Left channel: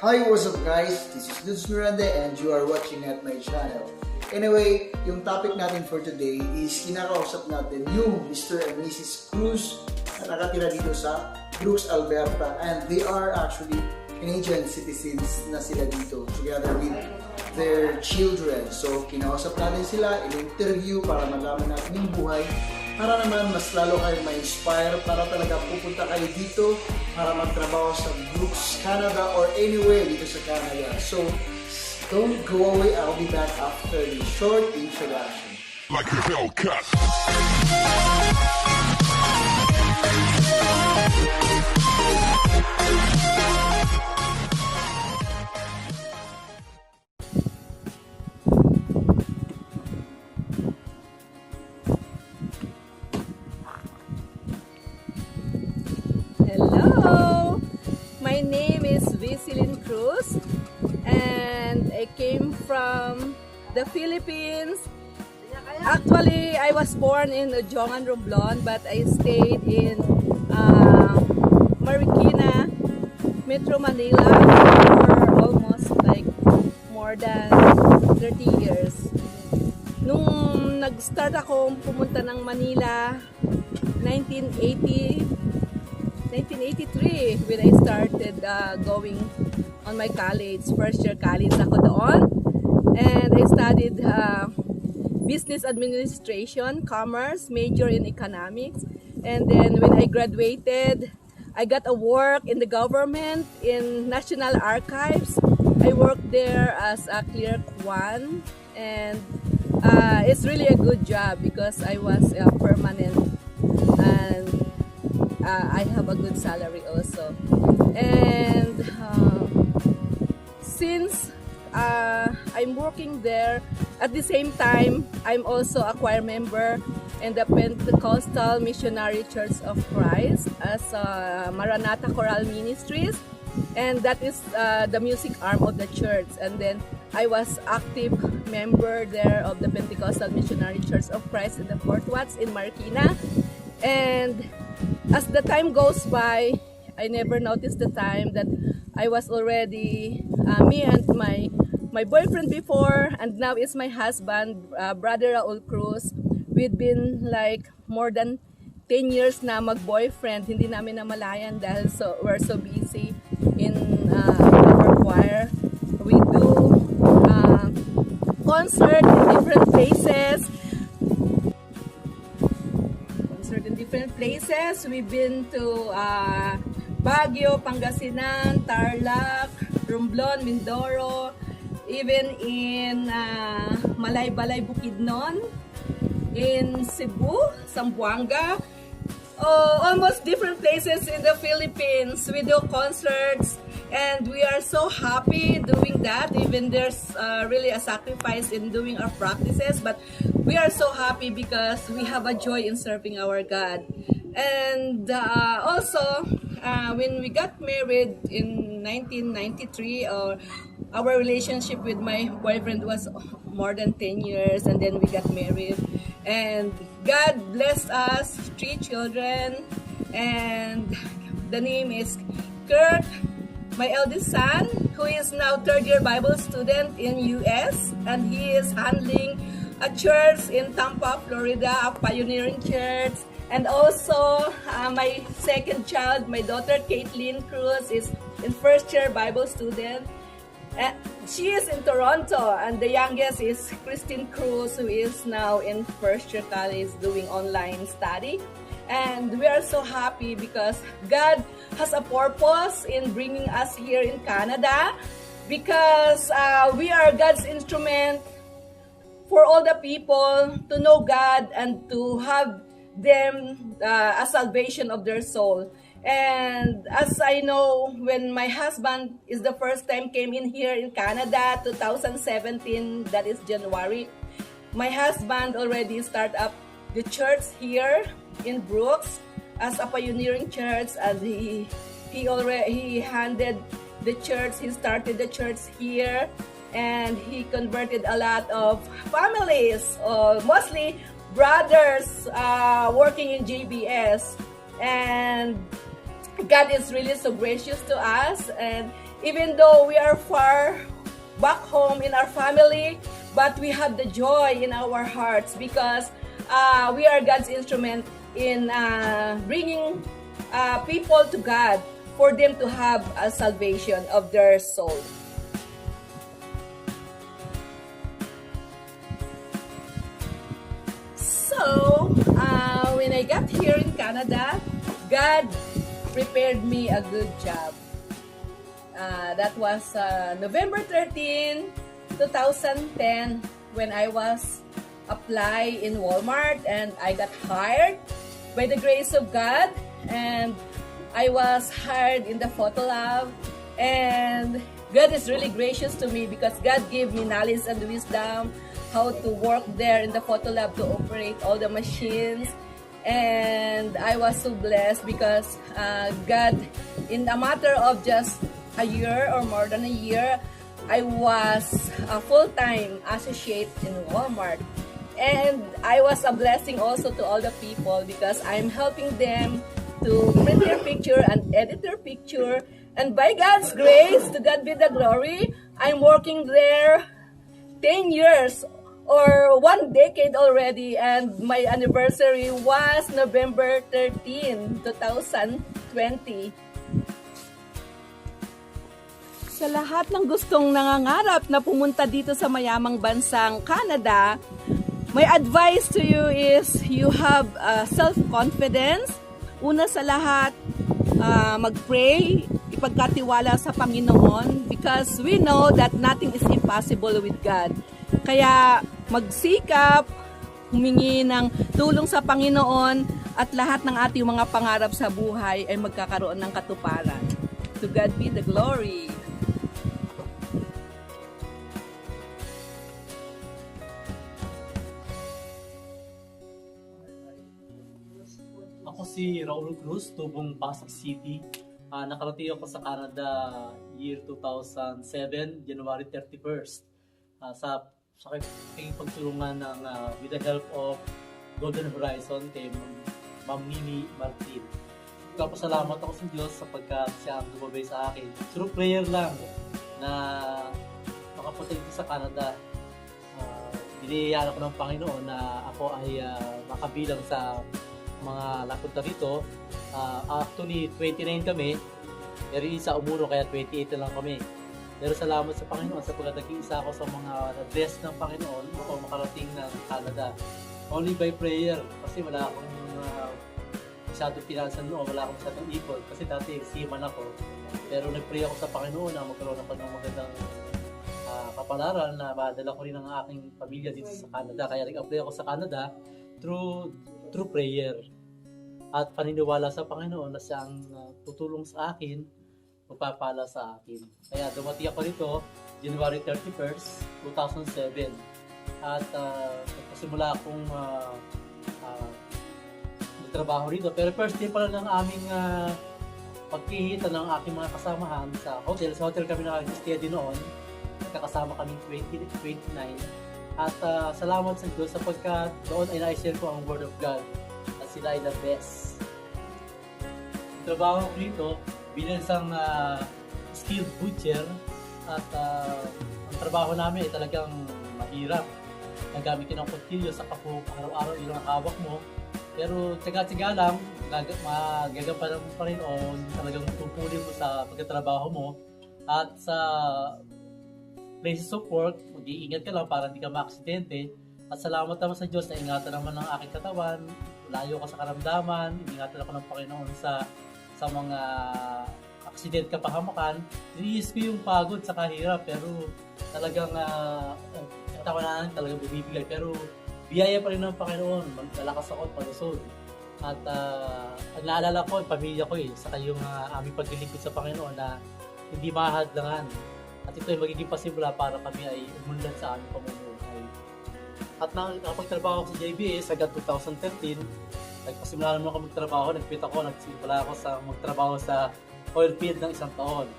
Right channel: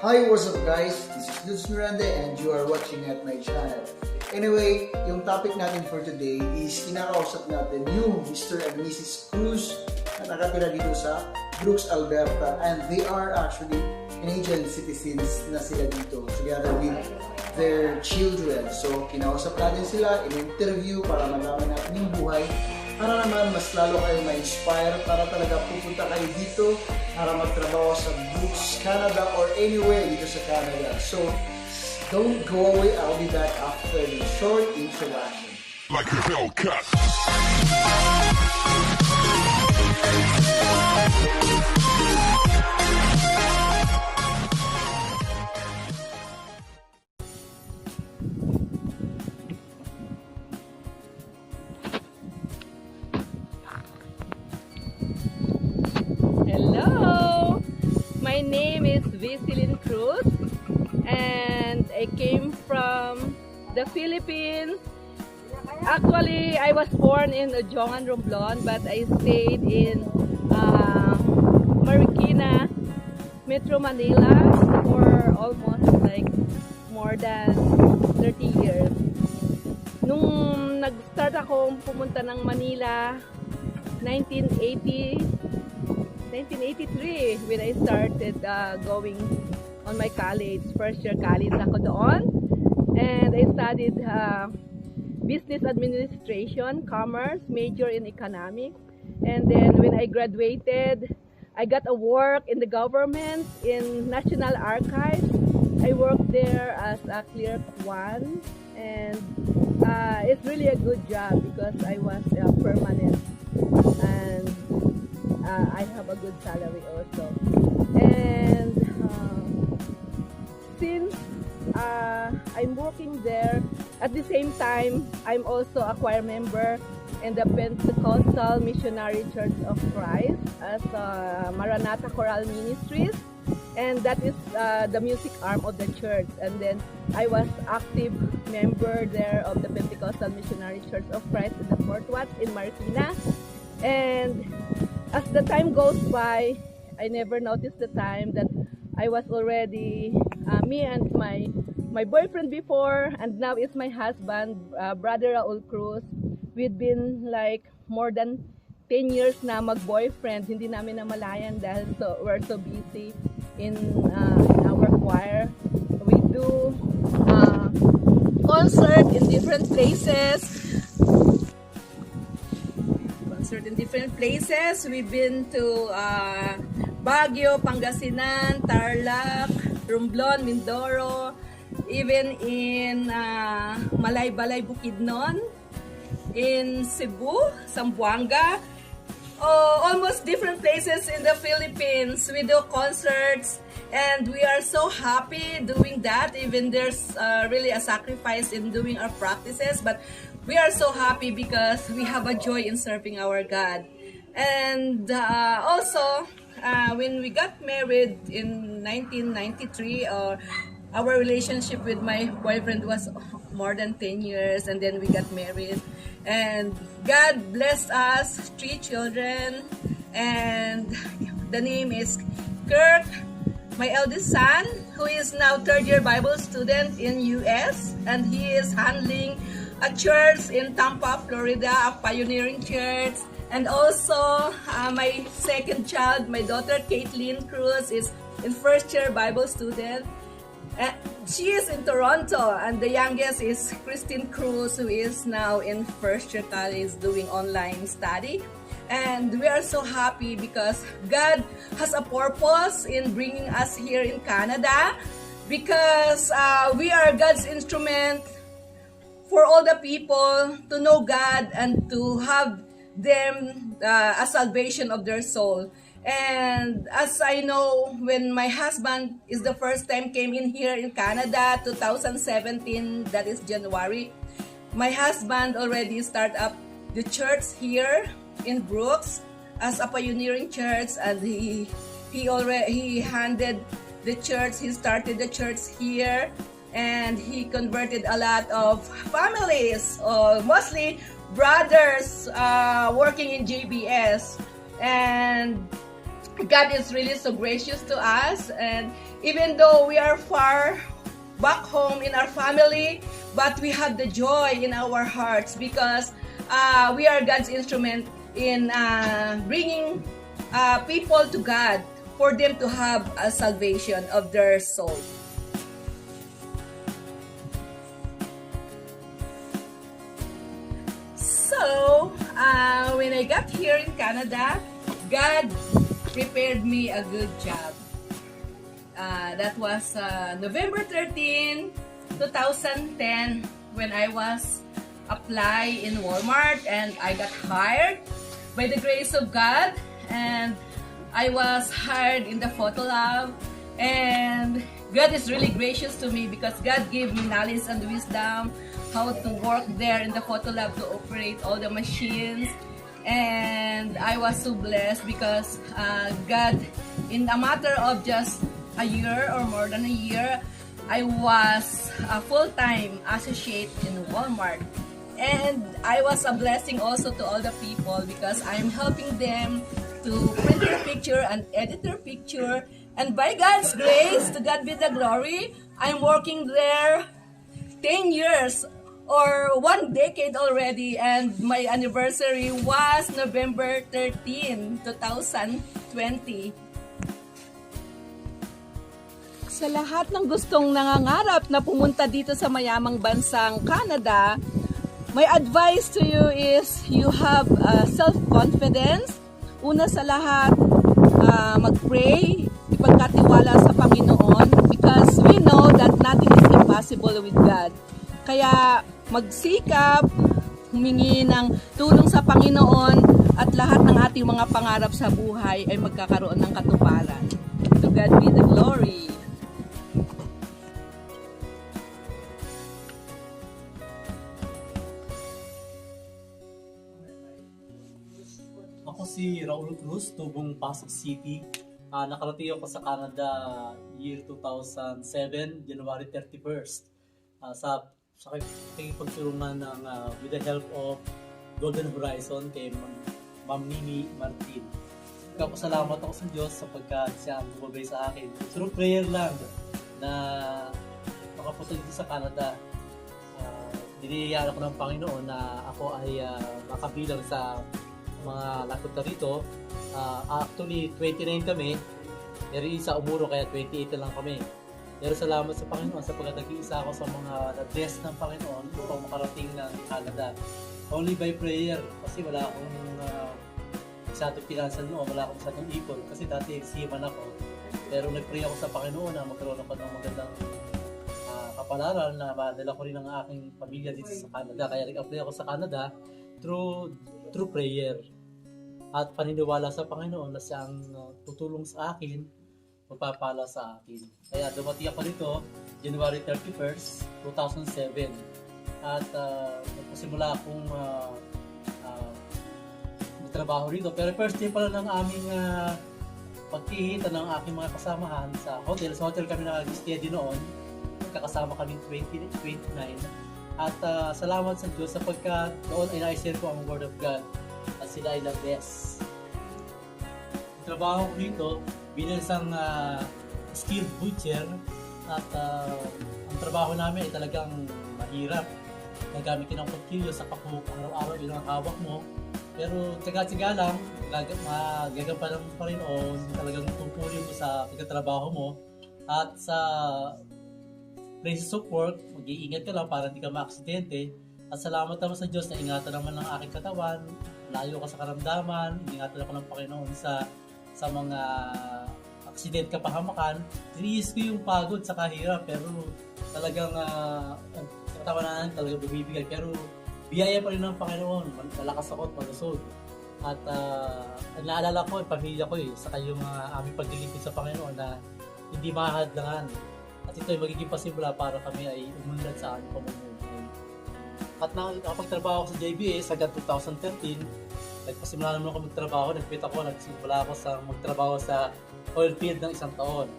Hi, what's up guys? This is Luz Miranda and you are watching at my channel. Anyway, yung topic natin for today is kinakausap natin yung Mr. and Mrs. Cruz na nakatira dito sa Brooks, Alberta, and they are actually Canadian citizens na sila dito together with their children. So, kinausap natin sila, in-interview para malaman natin yung buhay, para naman mas lalo kayo ma-inspire, para talaga pupunta kayo dito para magtrabaho sa Brooks, Canada or anywhere dito sa Canada. So, don't go away, I'll be back after the short introduction. Like a Hellcat. Hello, my name is Vicilin Cruz and I came from the Philippines. Actually, I was born in Jongan, Romblon, but I stayed in Marikina, Metro Manila for almost like more than 30 years. Nung nag-start ako pumunta ng Manila, 1983 when I started going on my college, first year college ako doon, and I studied business administration, commerce, major in economics, and then when I graduated, I got a work in the government in National Archives. I worked there as a clerk 1, and it's really a good job because I was permanent and I have a good salary also. And since I'm working there, at the same time, I'm also a choir member in the Pentecostal Missionary Church of Christ as Maranatha Choral Ministries, and that is the music arm of the church. And then I was active member there of the Pentecostal Missionary Church of Christ in the Fort Watts in Marikina. And as the time goes by, I never noticed the time that I was already me and my boyfriend before, and now is my husband, Brother Raul Cruz. We've been like more than 10 years na mag-boyfriend. Hindi namin namalayan dahil we're so busy in our choir. We do concert in different places. We've been to Baguio, Pangasinan, Tarlac, Romblon, Mindoro, even in Malaybalay, Bukidnon, in Cebu, Zamboanga, almost different places in the Philippines. We do concerts and we are so happy doing that. Even there's really a sacrifice in doing our practices, but we are so happy because we have a joy in serving our God. And also, when we got married in 1993, our relationship with my boyfriend was more than 10 years, and then we got married. And God blessed us 3 children, and the name is Kirk, my eldest son, who is now 3rd year Bible student in US, and he is handling a church in Tampa, Florida, a pioneering church. And also, my second child, my daughter Caitlin Cruz, is in 1st year Bible student. She is in Toronto, and the youngest is Christine Cruz, who is now in 1st year college doing online study. And we are so happy because God has a purpose in bringing us here in Canada, because we are God's instrument for all the people to know God and to have them a salvation of their soul. And as I know, when my husband is the first time came in here in Canada, 2017, that is January, my husband already started up the church here in Brooks as a pioneering church, and he handed the church, he started the church here, and he converted a lot of families, mostly brothers working in JBS. And God is really so gracious to us, and even though we are far back home in our family, but we have the joy in our hearts because we are God's instrument in bringing people to God for them to have a salvation of their soul. So, when I got here in Canada, God prepared me a good job. That was November 13, 2010, when I was apply in Walmart, and I got hired by the grace of God, and I was hired in the photo lab, and God is really gracious to me because God gave me knowledge and wisdom how to work there in the photo lab to operate all the machines. And I was so blessed because God, in a matter of just a year or more than a year, I was a full-time associate in Walmart. And I was a blessing also to all the people because I'm helping them to print their picture and edit their picture. And by God's grace, to God be the glory, I'm working there 10 years or 1 decade already, and my anniversary was November 13, 2020. Sa lahat ng gustong nangangarap na pumunta dito sa mayamang bansang Canada, my advice to you is you have self-confidence. Una sa lahat, mag-pray, ipagkatiwala sa Panginoon because we know that nothing is impossible with God. Kaya magsikap, humingi ng tulong sa Panginoon at lahat ng ating mga pangarap sa buhay ay magkakaroon ng katuparan. To God be the glory. Ako si Raul Cruz, tubong Pasig City. Nakarating ako sa Canada year 2007, January 31st. Sa pagtulungan ng with the help of Golden Horizon kay Ma'am Mimi Martin. Salamat ako sa Diyos sapagkat siya ang gumabay sa akin. Through prayer lang na makapunta dito sa Canada. Diniyayaan ako ng Panginoon na ako ay makabilang sa mga napunta dito. Actually, 29 kami. Pero isa umuro kaya 28 na lang kami. Pero salamat sa Panginoon sapagkat nag-iisa ako sa mga na-bless ng Panginoon upang makarating ng Canada. Only by prayer kasi wala akong masyadong pinansan noon, wala akong masyadong ipon kasi dati seaman ako. Pero nag-pray ako sa Panginoon na magkaroon ako ng magandang kapalaran na madala ko rin ang aking pamilya dito sa Canada. Kaya nag-apply ako sa Canada through prayer at paniniwala sa Panginoon na siyang tutulong sa akin, magpapala sa akin. Kaya dumating ako nito January 31st, 2007 at nagpasimula akong magtrabaho rito. Pero first day pa lang ng aming pagkikita ng aking mga kasamahan sa hotel. Sa hotel kami nag-steady noon. Kakasama kami 29. At salamat sa Diyos sapagkat doon ay na-share ko ang Word of God at sila ay na-bless. Trabaho ko dito bilang isang skilled butcher at ang trabaho namin ay talagang mahirap. Nagamit ng kutsilyo sa paku araw-araw yun ang hawak mo. Pero tiyaga-tiyaga lang, magagampanan mo pa rin o talagang tupulin mo sa pagkatrabaho mo. At sa places of work, mag-iingat ka lang para hindi ka ma-aksidente. At salamat naman sa Diyos na ingatan naman ng aking katawan, layo ka sa karamdaman, ingatan ako ng Panginoon sa mga aksidente kapahamakan. Tiniis ko yung pagod sa kahirap pero talagang tawanan talagang bibigay. Pero biyaya pa rin ng Panginoon, malakas ako at malusog. At naalala ko, pamilya ko saka yung aming paglilingkod sa Panginoon na hindi mahadlangan. At ito ay magiging pasimula para kami ay umunlad sa aming pamumuhay. At nakapagtrabaho ako sa JBS hanggang 2013, nagpasimula naman ako magtrabaho, nagsimula ako sa magtrabaho sa oil field ng 1 taon.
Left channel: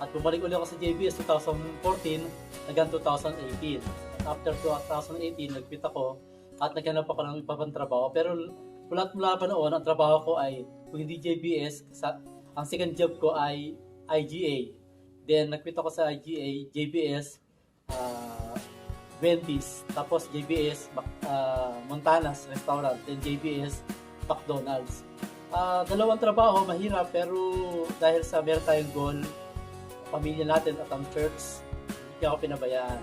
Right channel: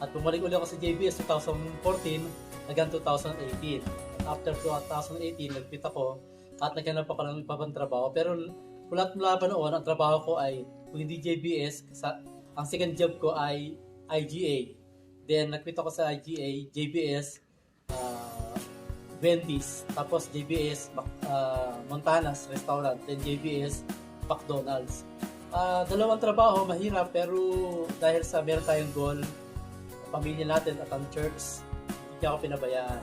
At bumalik ulit ako sa JBS 2014 hanggang 2018. After 2018, nagpit ako at naghanap ako ng ibang trabaho. Pero mula pa noon, ang trabaho ko ay kung hindi JBS, Ang second job ko ay IGA. Then nag-quit ako sa IGA, JBS, Wendy's, tapos JBS, Montana's Restaurant, then JBS, McDonald's. Dalawang trabaho, mahirap, pero dahil sa meron tayong goal, pamilya natin at ang church, hindi ako pinabayaan.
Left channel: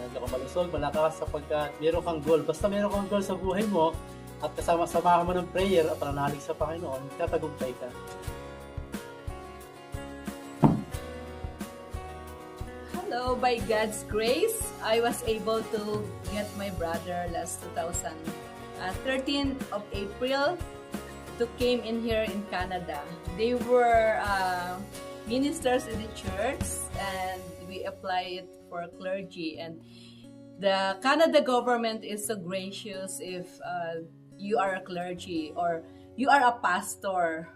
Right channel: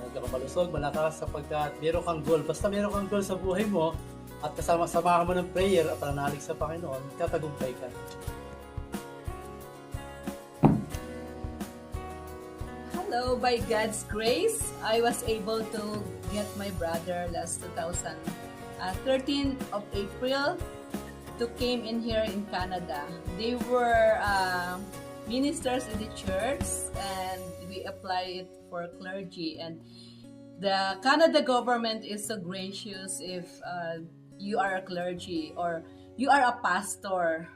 Hindi ako malusog, malakas sapagkat meron kang goal. Basta meron kang goal sa buhay mo at kasama-sama ka mo ng prayer at pananalig sa Panginoon, tatagumpay ka. So by God's grace, I was able to get my brother last 13th of April to came in here in Canada. They were ministers in the church and we applied it for clergy, and the Canada government is so gracious if you are a clergy or you are a pastor.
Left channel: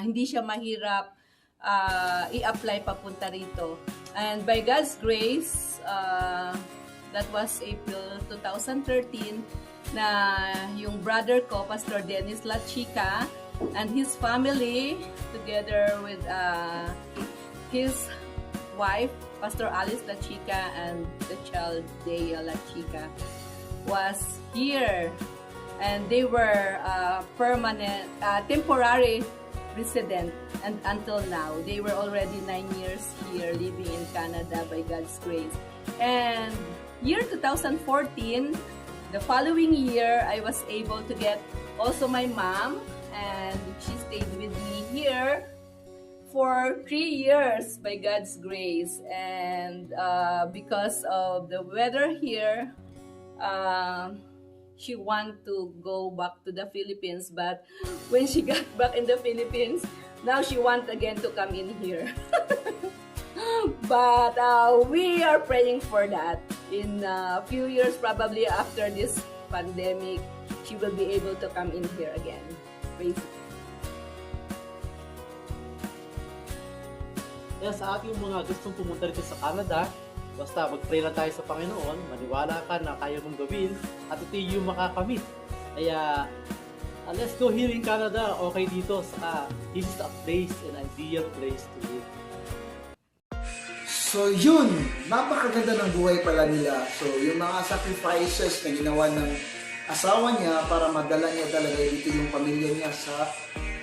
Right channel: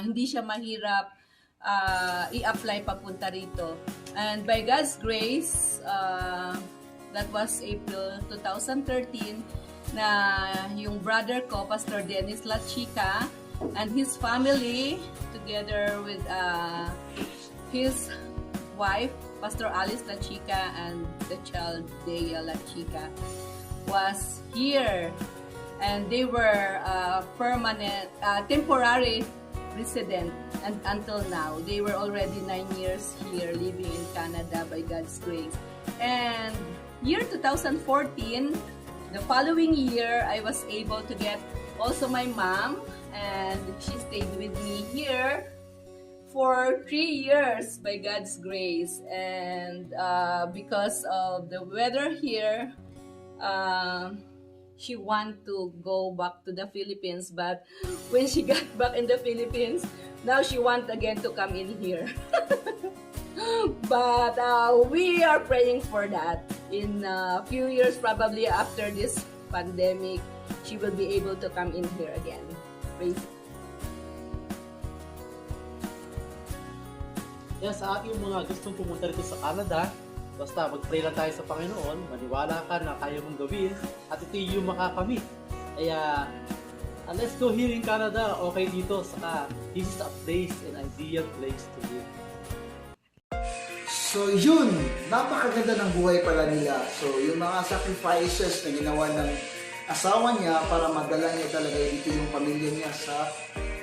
Hindi siya mahirap i-apply papunta rito. And by God's grace, that was April 2013, na yung brother ko, Pastor Dennis Lachica, and his family, together with his wife, Pastor Alice Lachica, and the child, Dea Lachica, was here. And they were permanent, temporary resident, and until now they were already 9 years here living in Canada by God's grace. And year 2014, the following year, I was able to get also my mom, and she stayed with me here for 3 years by God's grace. And because of the weather here, she wanted to go back to the Philippines, but when she got back in the Philippines, now she wants again to come in here. But we are praying for that. In a few years, probably after this pandemic, she will be able to come in here again. Praise. Kaya sa ating mga gustong pumunta rito sa Canada, basta mag-pray lang tayo sa Panginoon, maniwala ka na kaya mong gawin, at ito yung makakamit. Kaya, let's go here in Canada, okay dito, saka this is a place, an ideal place to be. So yun, napakaganda ng buhay pala nila. So yung mga sacrifices na ginawa ng asawa niya para magdala niya talaga dito yung pamilya niya sa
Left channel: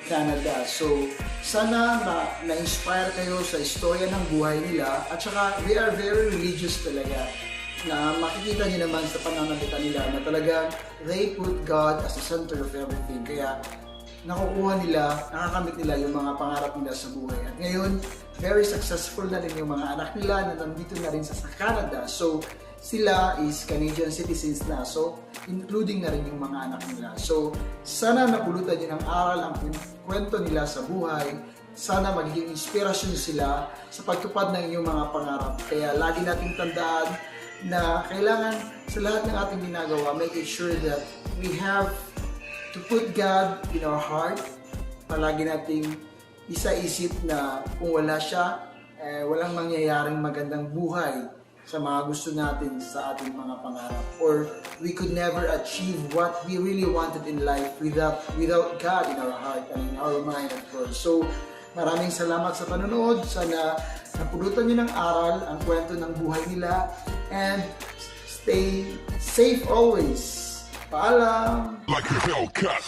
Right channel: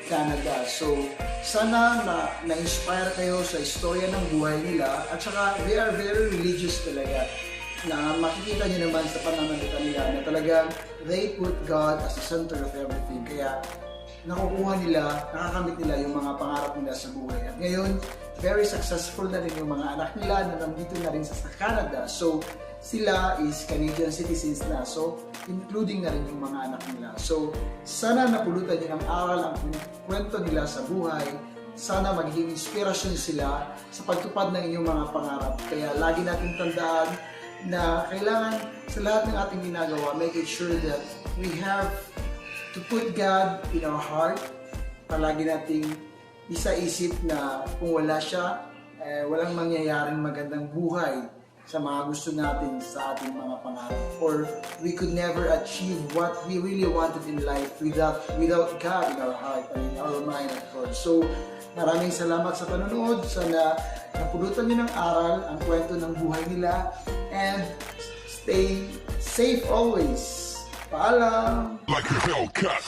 Canada. So sana na-inspire kayo sa istorya ng buhay nila, at saka they are very religious talaga, na makikita niyo naman sa pananalita nila na talagang they put God as the center of everything. Kaya nakukuha nila, nakakamit nila yung mga pangarap nila sa buhay. At ngayon, very successful na rin yung mga anak nila na nandito na rin sa Canada. So sila is Canadian citizens na. So including na rin yung mga anak nila. So sana napulutan nyo ng aral ang kwento nila sa buhay. Sana magiging inspirasyon sila sa pagtupad ng inyong mga pangarap. Kaya lagi nating tandaan na kailangan sa lahat ng ating ginagawa, make sure that we have to put God in our heart. Palagi nating isa-isip na kung wala siya, walang mangyayaring magandang buhay sa mga gusto natin sa ating mga pangarap. Or we could never achieve what we really wanted in life without God in our heart and in our mind, of course. So, maraming salamat sa panonood. Sana napulutan niyo ng aral ang kwento ng buhay nila. And stay safe always. Paalam! Like a Hellcat.